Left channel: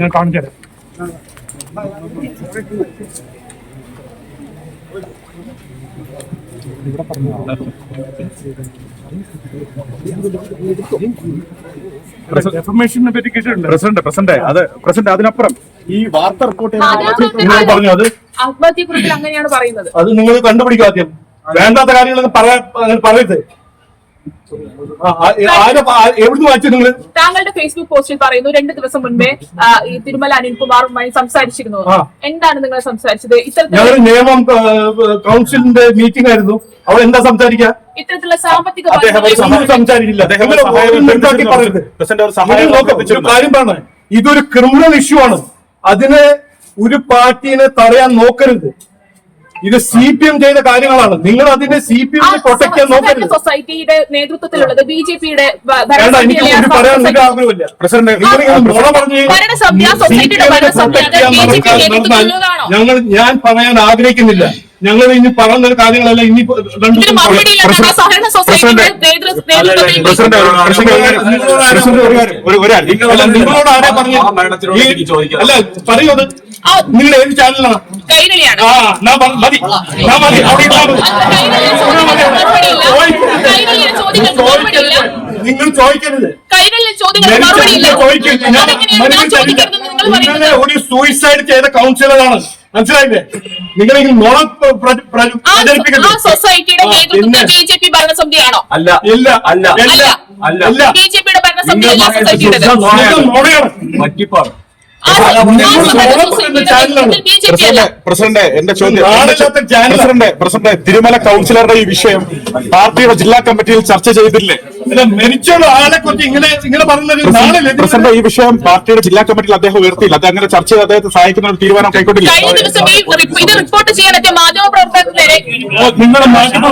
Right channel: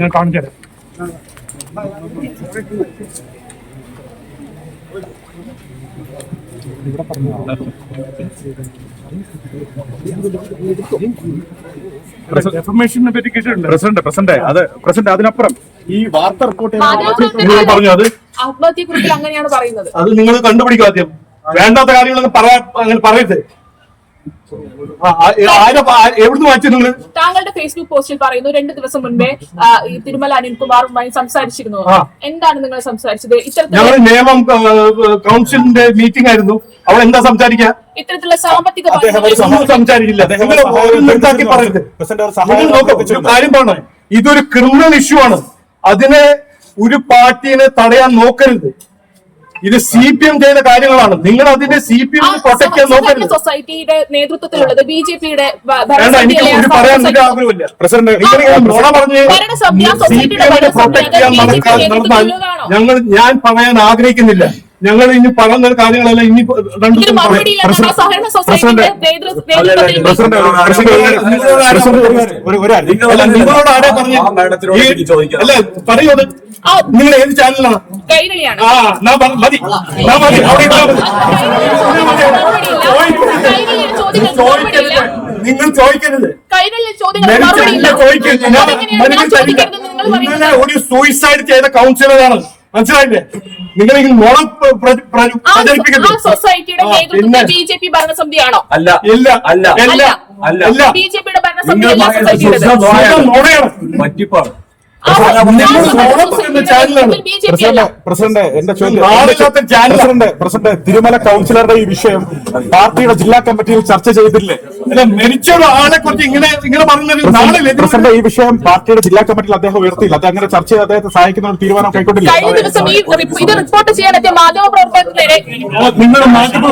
ഞാൻ കാണിച്ചു തരാം. പ്രസിഡന്റ് അതിനപ്പുറം ഈ വാർത്ത റിപ്പോർട്ട് പറഞ്ഞു ആത്മഹത്യക്കുറിപ്പിൽ അങ്ങനെയാണ് പറയുന്നത്. അത് നിങ്ങൾ കണ്ടുപിടിക്കും ആദ്യം. വേണ്ടാത്ത കാര്യങ്ങളൊന്നും അങ്ങനെ പറയരുത്. എവിടുന്ന് വായിച്ചു നിങ്ങൾ? താങ്കളുടെ ഫേസ്ബുക്ക് പോസ്റ്റിൽ പറയുന്നു 2 ദിവസം മുൻപേ ഈ തിരുമല അനിൽകുമാറുമായി സംസാരിച്ചിരുന്നു. എന്താണ് നിങ്ങൾ സംസാരിച്ചത്? ഞങ്ങൾ നിയമം കൗൺസിലിന്റെ മീറ്റിംഗ് ആയിരുന്നു. അവൾ എന്താ സംസാരിക്കുക? ഇത്തരത്തിലുള്ള സാമ്പത്തിക സംസാരിക്കില്ല. പറയരുത്. കാര്യം പറഞ്ഞ ഇതൊരു ക്രിമിനൽ ഇഷ്യൂ ആണ്. അതിനെ ഒരു പാർട്ടിനെ തടയാൻ നോക്കരുത്. ഇത് CPM ചെയ്ത കാര്യങ്ങളാണ്. നിങ്ങൾ അതിന്റെ CPM പ്രൊട്ടക്ട് ചെയ്യാൻ നോക്കരുത്. സൊസൈറ്റിയുടെ നേതൃത്വത്തിലുള്ളത് BJP-യുടെ എനിക്ക് ഒരു പറയാൻ ഒരു ആഗ്രഹമില്ല. പ്രസിഡന്റ് പ്രൊട്ടക്ട് ചെയ്യാൻ നടന്നാൽ ഞാൻ പറയാൻ ആഗ്രഹിക്കുന്നില്ല. ഞങ്ങൾ ഇനി പറഞ്ഞ കാര്യങ്ങളെല്ലാം ഇനി നിങ്ങളോട് ആരെ പറഞ്ഞു? അല്ല പറയൂ. നിങ്ങൾ ഏത് ചാനലാണ്? മതി നിങ്ങൾ ചോദിക്കരുത്. നിങ്ങളെ ഒരു സൂയിസൈഡ് ചെയ്ത കൗൺസിലറാണ്. മനസ്സിലായില്ലേ? നിങ്ങൾ ഈ നുണ പ്രചരിപ്പിക്കരുത്. BJP ഭരണസമിതിയാണോ? അല്ല ഇല്ല അല്ല അല്ല അല്ല BJP-യുടെ ഭരണസമിതി പറ്റിപ്പാണ്. പ്രസിഡന്റ് എന്റെ ചോദ്യം, പ്രസിഡന്റ് തിരുമല കൗൺസിലറുടെ ഈ വിഷയം പാർട്ടിയുടെ ജില്ലാ കമ്മിറ്റിയിൽ ചർച്ച ചെയ്തില്ലേ? മരിച്ചൊരു ആളെ കുറിച്ച് ഇങ്ങനെ പറഞ്ഞത് പ്രസിഡന്റ് ഈ വിഷയം പാർട്ടിയുടെ ജില്ലാ കമ്മിറ്റിയിൽ അദ്ദേഹം ഉയർത്തിയില്ല. അത് അങ്ങനെ ചർച്ച ചെയ്ത് അദ്ദേഹത്തെ സഹായിക്കുന്ന ഒരു തീരുമാനം കൈക്കൊണ്ടില്ല. റിപ്പോർട്ട് ചെയ്യാൻ മാധ്യമ പ്രവർത്തകരെ നിങ്ങളുടെ മാധ്യമ